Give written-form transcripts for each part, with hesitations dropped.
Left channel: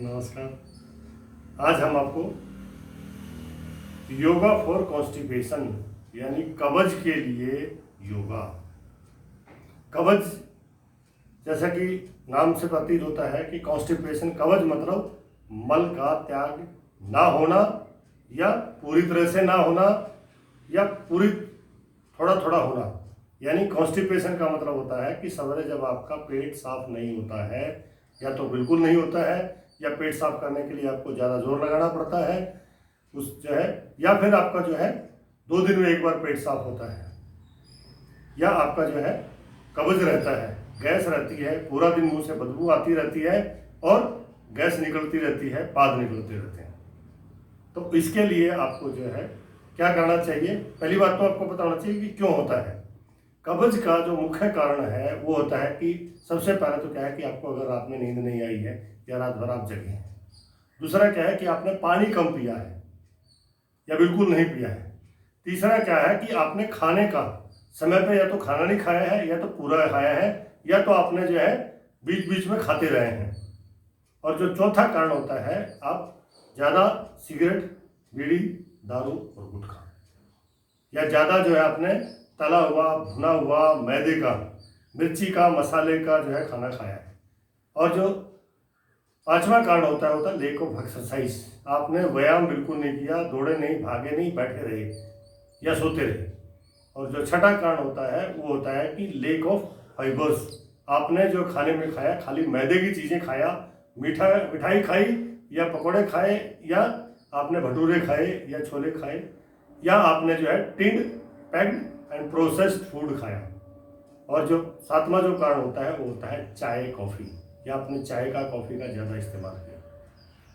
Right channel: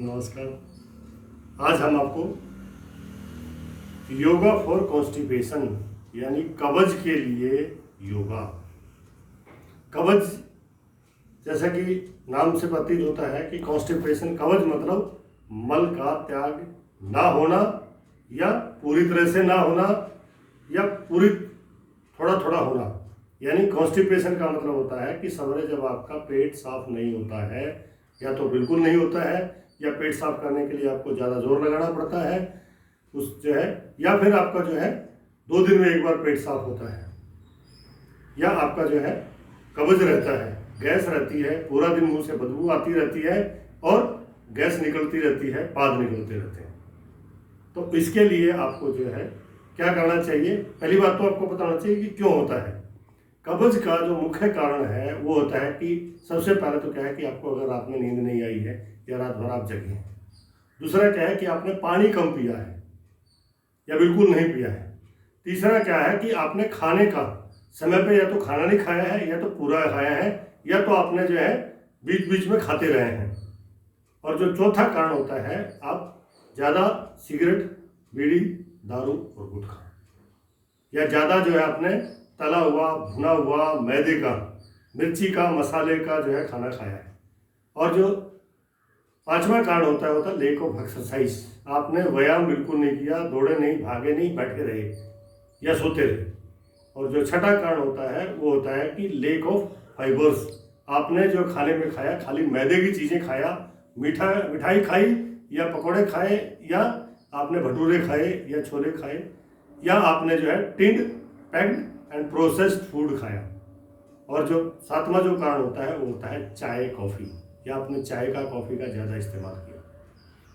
नमस्कार। आज हम आपको योगा फॉर कॉन्स्टिपेशन यानी कब्ज के लिए योगा। कब्ज जैसा कि नाम से प्रतीत होता है कि कॉन्स्टिपेशन, कब्ज मतलब मल का त्याग ना होना या पूरी तरह से ना होना या पूरी थोड़ा थोड़ा होना। यानी कॉन्स्टिपेशन का मतलब होता है कि सवेरे जब आपका पेट साफ नहीं होता है या तो बिल्कुल नहीं होता है या पेट साफ करने के लिए आपको ज़्यादा जोर लगाना पड़ता है उस जो है, या फिर आपका जो है 2 दिन में एक बार पेट साफ होता है, या आपका जो है कब्ज रहता है, गैस रहती है, पूरा दिन मुंह से बदबू आती रहती है और गैस निकलती रहती है, पाद निकलते रहते हैं। तो इसके लिए आपको जो है क्या करना चाहिए? पहली बात तो आपको पता होना चाहिए कि क्यों होता है। कब्ज का जो मुख्य कारण है वो होता है कि सबसे पहले तो क्या है कि आपको अगर रात में नींद नहीं आई है या रात भर आप जगे हैं। दूसरा क्या है कि आपने पानी कम पिया है या बिल्कुल नहीं पिया है। तीसरा क्या है कि आपने खाने का समय पे या तो खाना नहीं खाया है या तो पूरा खाया है या तो आपने जो है बीच बीच में खाते रहे हैं। और जो चौथा कारण होता है आप ज़्यादा सिगरेट, बीड़ी, दारू और गुटखा, या ज़्यादा जो है आपने तला हुआ, भुना हुआ, मैदे का, मिर्ची का, मसाले का जो है खाना खाया है। और जो पांचवा कारण होता है लेक ऑफ एक्सरसाइज। आपने व्यायाम बिल्कुल नहीं किया, दौड़े नहीं, भागे नहीं, बैठे रहे या सोते रहे। और जो छठा कारण होता है वो होता है कि लेक ऑफ फाइबर्स। आपने जो खाने में खाया, खाली मैदे की चीज़ें खाया, मिठाई खाई या पकौड़े खाए या आपने भटूरे खाए या छोले खाए या आपने जो है tinned, packed and processed food खाया। और जो सातवां जो कारण होता है वो होता है चाय, कॉफ़ी, या आपने चाय का, कॉफ़ी का ज़्यादा इस्तेमाल किया।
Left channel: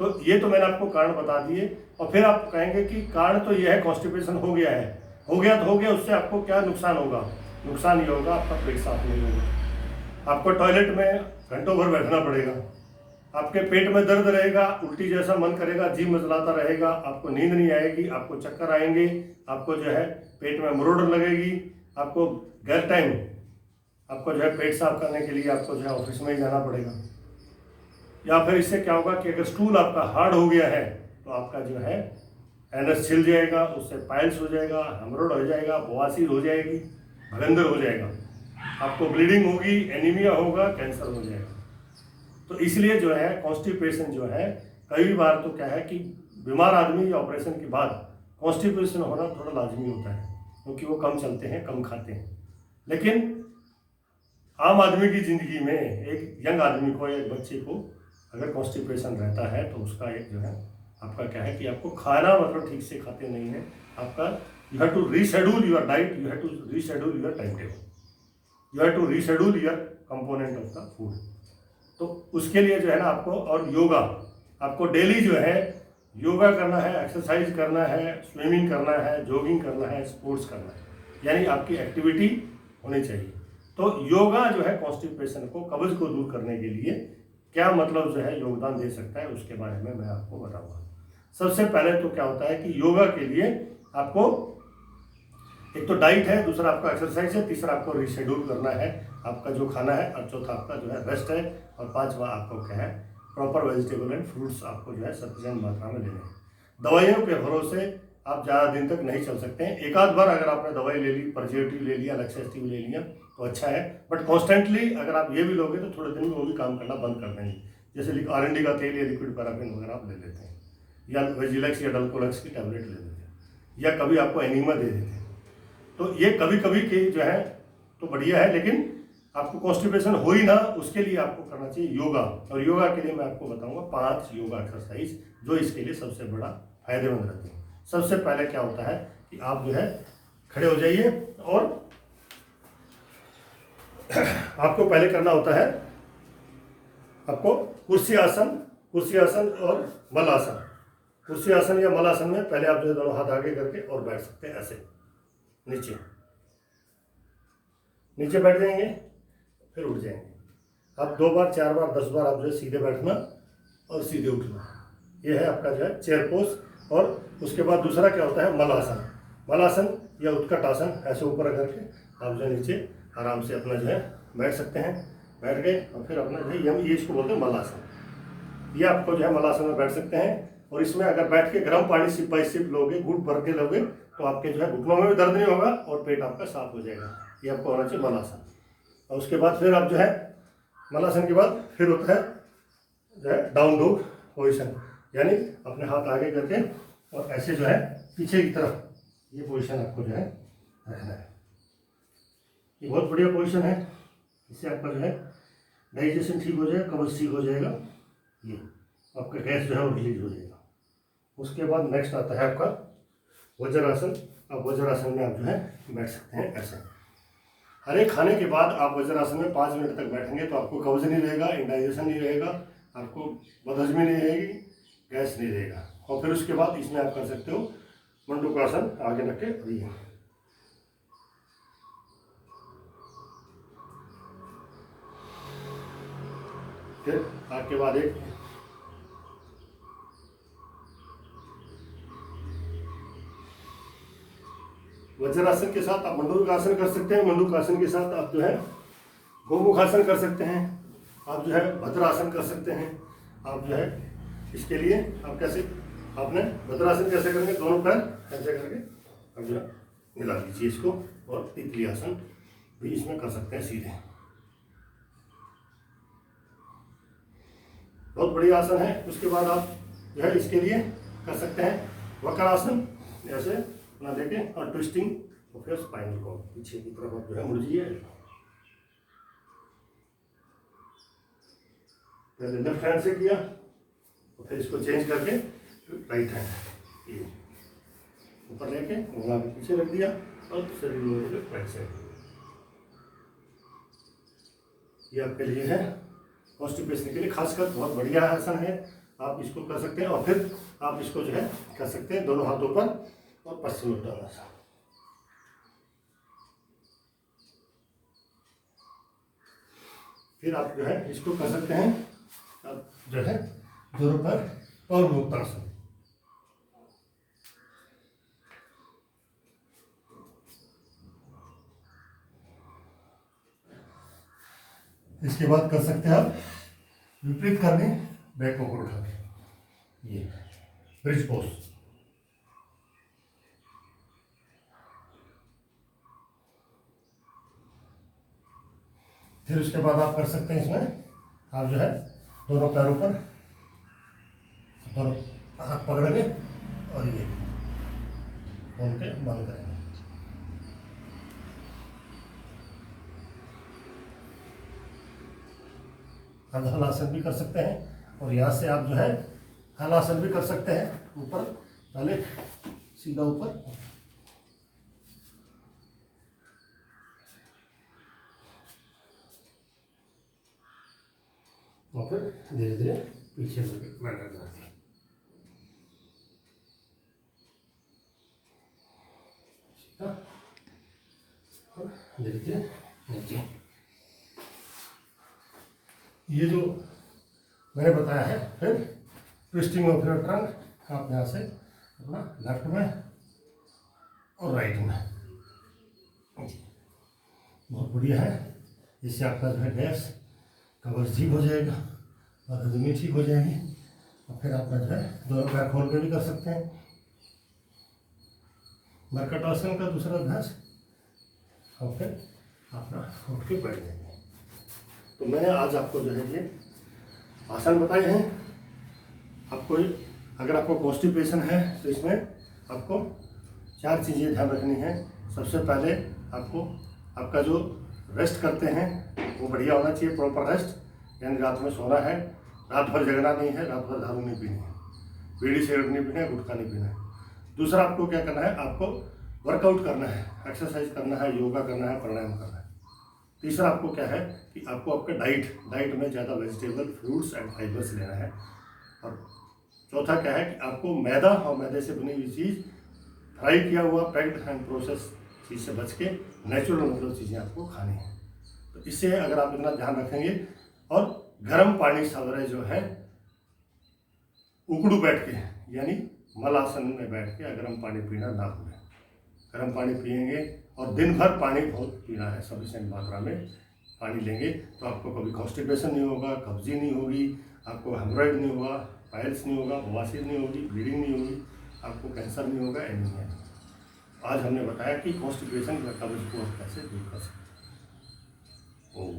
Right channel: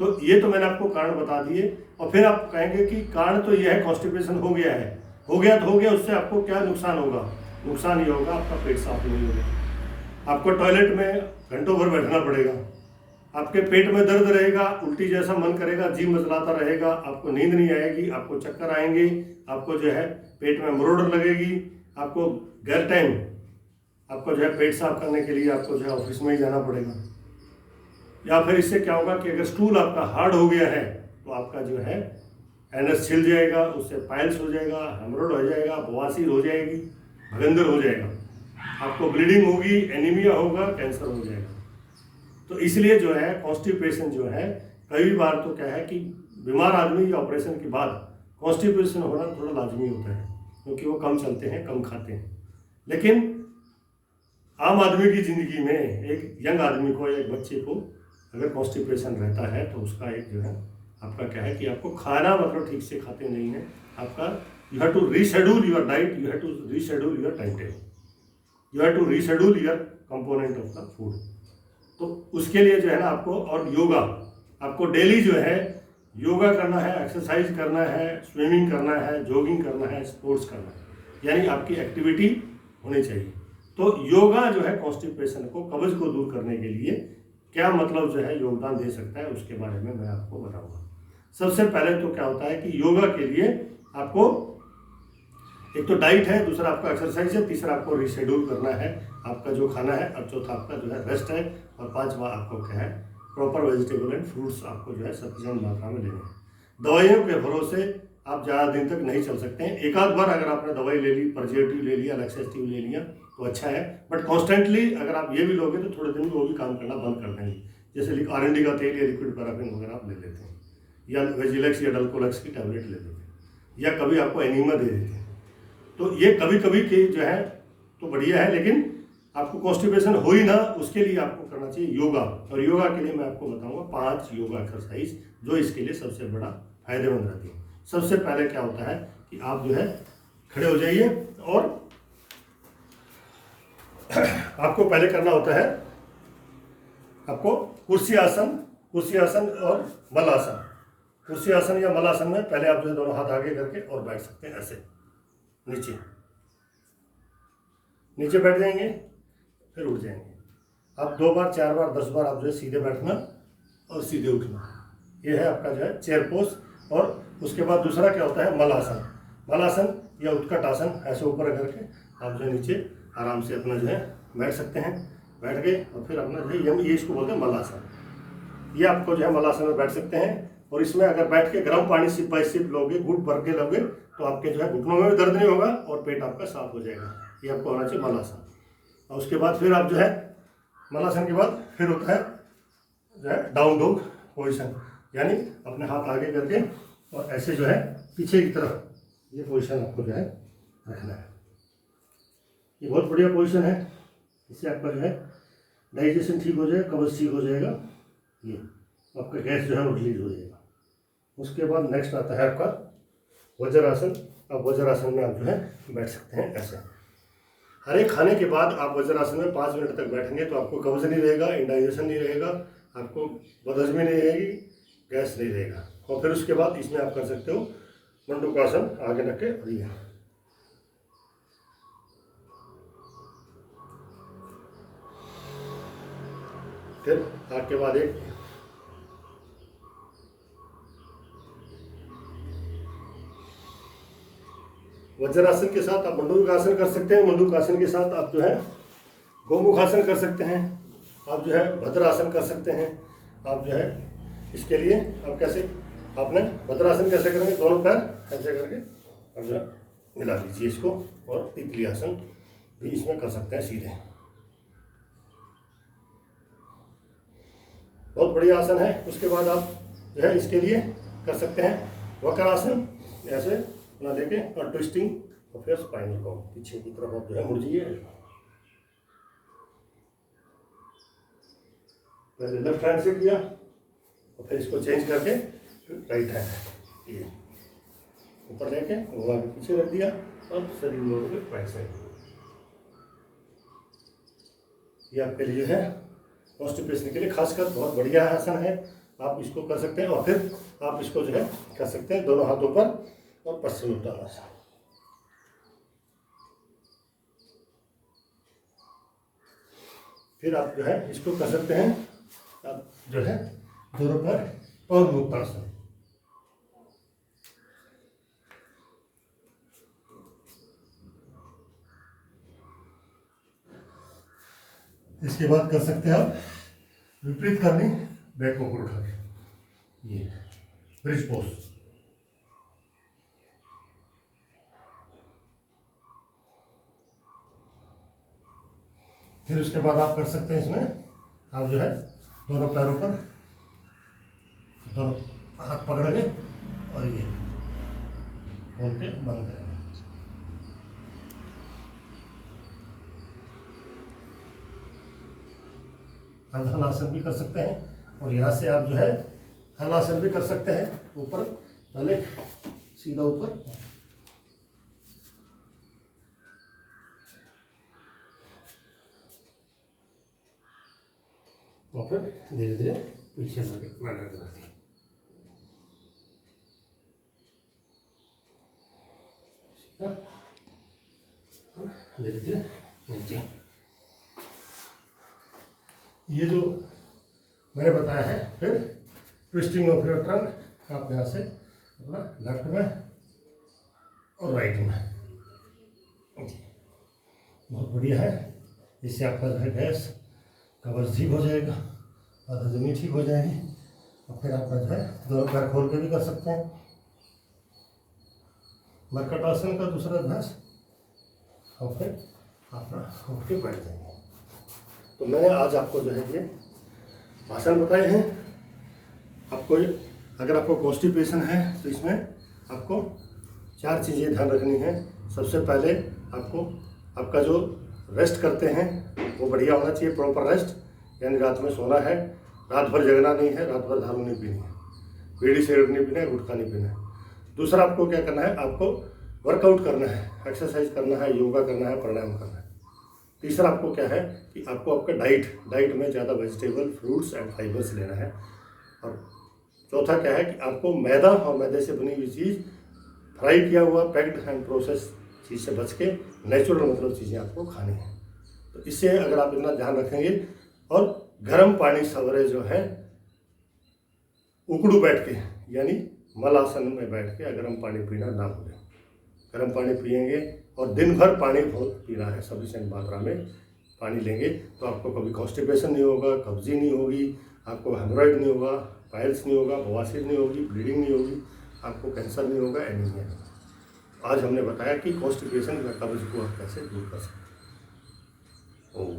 तो ये तो मैंने आपको कारण बता दिए। और फिर आप कहेंगे कि कारण तो ये है, कॉन्स्टिपेशन हो गया है, हो गया तो हो गया, उससे आपको क्या नुकसान होगा? नुकसान ये होगा आपका पेट साफ नहीं होगा, आपको टॉयलेट में घंटों भर बैठना पड़ेगा, आपके पेट में दर्द रहेगा, उल्टी जैसा मन करेगा, जी मचलाता रहेगा, आपको नींद नहीं आएगी, आपको चक्कर आएंगे, आपको जो है पेट में मरोड़ लगेगी, आपको गैर टाइम आपको जो है पेट साफ करने के लिए आपको जो है ऑफिस में ही जाना पड़ेगा। या फिर इससे क्या होगा कि अगर स्टूल आपका हार्ड हो गया है तो आपका जो है एनस छिल जाएगा, उससे पाइल्स हो जाएगा, हेमरोड हो जाएगा, बवासीर हो जाएगी, भगंदर हो जाएगा, आपको ब्लीडिंग होगी, एनीमिया होगा, कैंसर हो जाएगा। तो इसलिए जो है कॉन्स्टिपेशन जो है, कई बार तो क्या है कि बीमार आदमी या ऑपरेशन के बाद कॉन्स्टिपेशन होना थोड़ा लाजमी होता है क्योंकि वो कम चलते हैं, कम खाते हैं। लेकिन आम आदमी की ज़िंदगी में एक यंग आदमी को, एक बच्चे को अगर कॉन्स्टिपेशन रहता है तो उसका एक जो है आपका क्या है कि आपको खाना मतलब ठीक से खाते नहीं है, आपका you have to reschedule your diet, you have to reschedule your time table, you have to reschedule your component of the food. तो उसके लिए जो है ना आपको, और योगा आपको डेली जो है योगा करना है, एक्सरसाइज करना है, स्विमिंग करना है, जॉगिंग करना है, स्पोर्ट्स करना है, यानी आपकी एक्टिविटी होनी चाहिए। तो योगा जो है कॉन्स्टिपेशन को, कब्ज को दूर करने के लिए क्या मतलब जो है योगदान दे सकता है उसके बारे में मैं आपको बताऊंगा। सबसे पहले तो क्या होता है कि योगा के लिए आपको एक तो डाइट है, दूसरा आपका एक्सरसाइज है, तीसरा आपको रिशेड्यूल करना है आपका जो खाना है, और चौथा आपका जो है रेस्ट है, और पांचवा आपको क्या है प्रॉपर वेजिटेबल एंड फ्रूट्स आपको जो है सफिशिएंट मात्रा में लेने हैं। दवाइयों के भरोसे आप ज़्यादा दिन तक नहीं चल सकते हैं। एक आध बार अगर आपने दवाई ले ली, परजेटिव ले लिया, लैक्सेटिव ले लिया तो अच्छा है, बट कॉन्स्टेंटली अगर आप ये भी लोगे तो थोड़े दिन में वो भी काम करना बंद कर देंगे। जैसे आरएनडी का तेल या लिक्विड पैराफिन वगैरह आप ले लेते हैं, या वेजिलेक्स या डल्कोलेक्स की टैबलेट ले लेते हैं, या कभी आपको एनीमा दे देते हैं। तो ये कभी कभी के जो है तो बढ़िया है, लेकिन आपको कॉन्स्टिपेशन हो ही ना उसके लिए आपको करना चाहिए योगा। और योगा के लिए मैं आपको बताऊंगा 5 योगा एक्सरसाइज जो इसके लिए सबसे बड़ा फायदेमंद रहती है। सबसे पहले क्या होता है कि आप जो है खड़े हो जाइए, और आपको पहले करना होता है आपको कुर्सी आसन और मलासन। कुर्सी आसन या मलासन में पहले आप जो है दोनों हाथ आगे करके और बैठ सकते हैं ऐसे नीचे बैठ जाएंगे, फिर उठ जाएंगे। आप 2 बार, 4 बार, 10 बार आप जो है सीधे बैठना और सीधे उठना, ये है आपका जो है चेयर पोज। और उसके बाद दूसरा क्या होता है मलासन या उत्कट आसन, ऐसे ऊपर करके आप जो नीचे आराम से अपना जो है बैठ सकते हैं, बैठ गए और फिर अपना जो है ये इसको बोलते हैं मलासन। ये आपको जो है मलासन में बैठ सकते हैं। और इसमें अगर बैठ के गर्म पानी सिप बाई सिप लोगे, घुट भर के लोगे, तो आपके जो है घुटनों में भी दर्द नहीं होगा और पेट आपका साफ हो जाएगा। ये आपको होना चाहिए मलासन। और उसके बाद फिर आप जो है मलासन के बाद फिर होता है जो है डाउन डॉग पोजीशन, यानी अपने हाथ आगे करके और ऐसे जो है पीछे की तरफ ये पोजीशन आपको जो है रखना है। ये बहुत बढ़िया पोजीशन है, इससे आपका जो है डाइजेशन ठीक हो जाएगा, कब्ज ठीक हो जाएगा, ये आपका गैस जो है वो रिलीज हो जाएगा। उसके बाद नेक्स्ट आता है आपका वज्रासन। अब वज्रासन में आप जो है बैठ सकते हैं ऐसे। हर एक खाने के बाद आप वज्रासन में 5 मिनट तक बैठेंगे तो आपको कब्ज नहीं रहेगा, इंडाइजेशन नहीं रहेगा, आपको बदहजमी नहीं रहेगी, गैस नहीं रहेगा। और फिर उसके बाद इसमें आप कर सकते हो मंडूकासन, आगे रख के और ये फिर आपके बाद एक वज्रासन के साथ आप मंडूकासन कर सकते हैं। मंडूकासन के साथ आप जो है गोमुखासन कर सकते हैं, आप जो है भद्रासन कर सकते हैं। आप जो है इसके लिए आप कैसे, आपने भद्रासन कैसे करेंगे, दोनों पैर ऐसे करके आप जो है मिला लीजिए इसको, और तितली आसन भी इसमें कर सकते हैं सीधे। बहुत बढ़िया आसन है। उसके बाद आप जो है इसके लिए कर सकते हैं वक्रासन, ऐसे अपना देके और ट्विस्टिंग, और फिर स्पाइनल को पीछे की तरफ आप जो है मुड़ जाइए। पहले लेफ्ट हैंड से किया और फिर इसको चेंज करके राइट हैंड ये ऊपर लेके घुमा के पीछे रख दिया और शरीर मोड़ के बैक साइड। ये आपके लिए है कॉन्स्टिपेशन के लिए खासकर बहुत बढ़िया आसन है, आप इसको कर सकते हैं। और फिर आप इसको जो है कर सकते हैं दोनों हाथों पर और पश्चिमोत्तानासन। फिर आप जो है इसको कर सकते हैं, आप जो है दोनों पर पवनमुक्तासन। इसके बाद कर सकते हैं आप विपरीत करनी, बैक को ऊपर उठा के ये ब्रिज पोज। फिर उसके बाद आप कर सकते हैं इसमें आप जो है दोनों पैरों पर दोनों हाथ पकड़ के और ये खोल के बंद करेंगे। हलासन भी कर सकते हैं और यहाँ से आप जो है हलासन भी कर सकते हैं, ऊपर पहले सीधा ऊपर और फिर धीरे धीरे पीछे मैनर करते हैं। धीरे धीरे नीचे। ये जो मैंने बताया है, फिर ट्विस्टिंग ऑफ योर ट्रंक, आप यहाँ से अपना लेफ्ट में और राइट में, बहुत बढ़िया है। इससे आपका जो है गैस कब्ज ठीक हो जाएगा और हजमी ठीक हो जाएगी। और फिर आपका जो है दोनों पैर खोल के भी कर सकते हैं। मर्कटासन का दूसरा अभ्यास, और फिर अपना उठ के बैठ जाएंगे। तो मैंने आज आपको जो है ये आसन बताए हैं। आपको अगर आपको कॉन्स्टिपेशन है तो इसमें आपको 4 चीज़ें ध्यान रखनी है। सबसे पहले आपको आपका जो रेस्ट करते हैं वो बढ़िया होना चाहिए, प्रॉपर रेस्ट, यानी रात में सोना है, रात भर जगना नहीं है, रात भर दारू नहीं पीनी है, बीड़ी सिगरेट नहीं पीना है, गुटखा नहीं पीना है। दूसरा आपको क्या करना है, आपको वर्कआउट करना है, एक्सरसाइज करना है, योगा करना है, प्राणायाम करना है। तीसरा आपको क्या है कि आपको आपका डाइट में ज़्यादा वेजिटेबल, फ्रूट्स एंड फाइबर्स लेना है। और चौथा क्या है कि आपको मैदा और मैदे से बनी हुई चीज़, फ्राई किया हुआ, पैक्ड एंड प्रोसेस चीज़ से बच के नेचुरल मतलब चीज़ें आपको खानी है। तो इससे अगर आप इतना ध्यान रखेंगे, और गर्म पानी सवेरे जो है उकड़ू बैठ के, यानी मलासन में बैठ के गर्म पानी पीना ना भूलें। गर्म पानी पिएंगे और दिन भर पानी बहुत पीना है, सफिशिएंट मात्रा में पानी लेंगे तो आपको कभी कॉन्स्टिपेशन नहीं होगा, कब्जी नहीं होगी, आपको हेमोरॉइड नहीं होगा, पाइल्स नहीं होगा, बवासीर नहीं होगी, ब्लीडिंग नहीं होगी, आपको कैंसर नहीं होगा, एनीमिया नहीं होगा। आज हमने बताया कि कॉन्स्टिपेशन या कब्ज को आप कैसे दूर कर सकते हैं।